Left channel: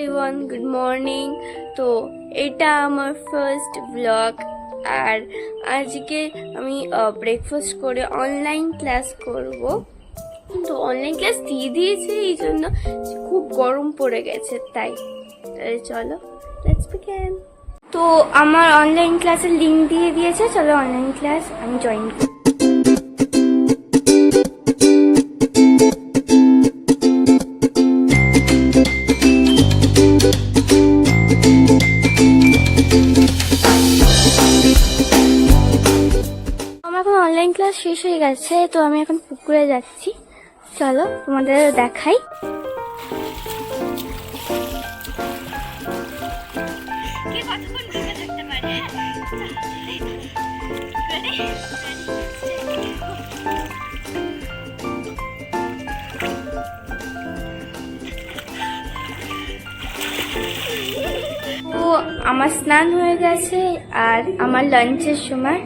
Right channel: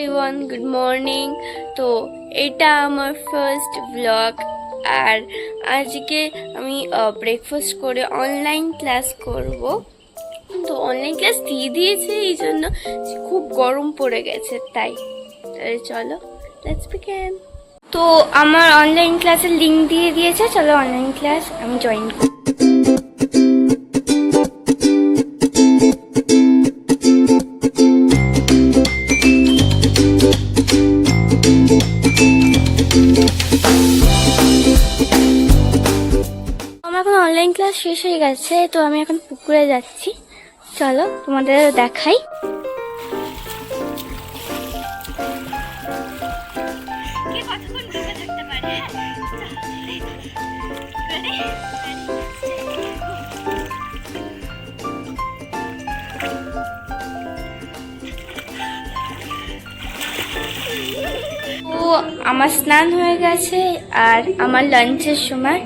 Everyone, good morning. তো এটা আমার ফার্স্ট ব্লগ। আর আজকে আমি ব্রেকফাস্ট করে অনলাইন ক্লাস করব। তো অনলাইন ক্লাস দিয়ে দিয়েছে, এই জন্য খুব গরম পড়ে গেছে, তাই চলো লেটস বিগিন। তো আমার অনলাইন ক্লাসের লিঙ্ক দিয়ে দিয়েছে, চলো অনলাইন ক্লাস আমি জয়েন করি। অনলাইন ক্লাস শেষ হয়ে গেছে, তো আমি এখন পুকুরে যাচ্ছি। চলো তোমাদের দেখাই। তো আমার স্নান হয়ে গেছে, আর আমার লাঞ্চের সময়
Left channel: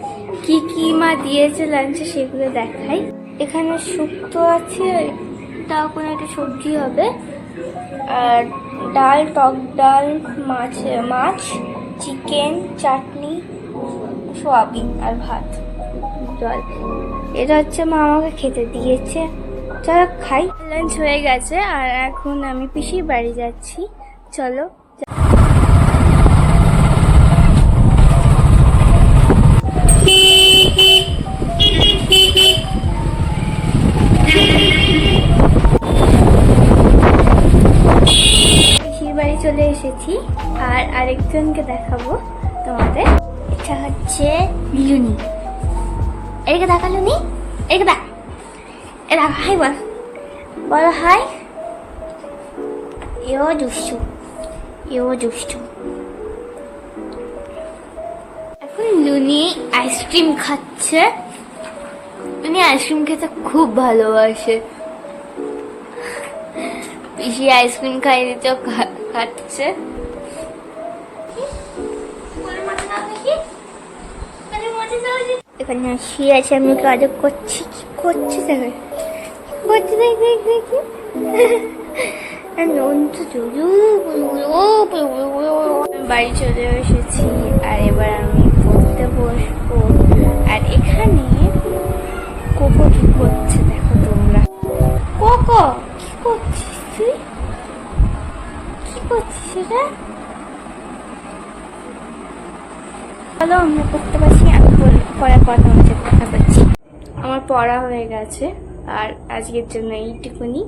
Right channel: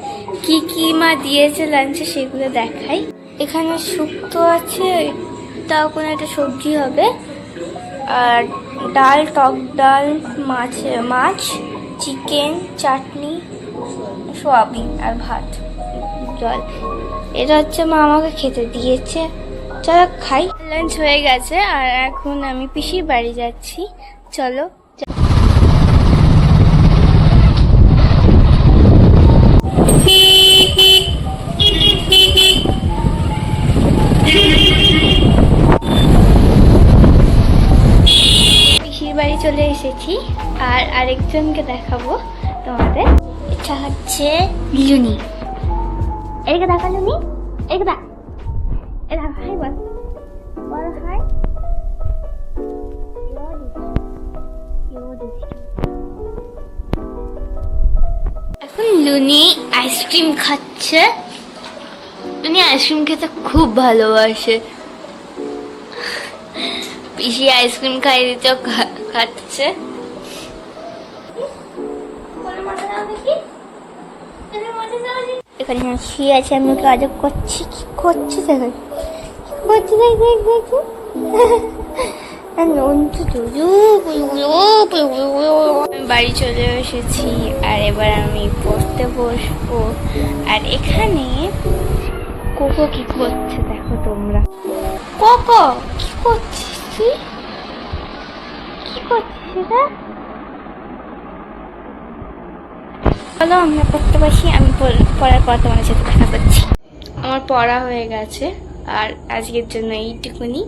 কি কি মা দিয়েছে লাঞ্চে সেগুলো দেখাই। এখানে শুক্তো আছে, তাও কোনো একটা সবজি হবে, আর ডাল, টক ডাল, মাছ, চিকেন, চাটনি, সোয়াবিন আর ভাত, জল। এটা হচ্ছে মা আমাকে খেতে দিয়েছে। চলো খাই। লাঞ্চ হয়ে গেছে আর এখন আমি পিসির বাড়ি যাচ্ছি। চলো। বাড়ি চলে এসেছি, আর আরেকজনকে দেখাবো তোমাদের। এটা হচ্ছে লুনি। এদিকে দেখা লুনি, এদিকে দেখ, এ দেখা, হাই বল, বলো হাই। এও দুষ্টু, এও দুষ্টু। এখন লুনি আইসক্রিম খাচ্ছে। লুনি আইসক্রিম খেতে খুব ভালোবাসে। পিসি আইসক্রিম খাইয়ে দিতে খাচ্ছে। এখানে শুয়ে আছে, আমি ওকে আজব করছি। কি করছি বাড়ি চলে এসেছি, আর এবার আমি পড়তে বসবো। আর এখানে কোকো কি করছে দেখো তোমরা। কোকো কি করছিস তুই? কি করছিস এটা? চলো আমরা পড়তে বসি। আমি পড়ার পর তোমাদের সাথে দেখা করছি। আমার পড়া হয়ে গেছে, আর আজকের জন্য এইটুকুনি।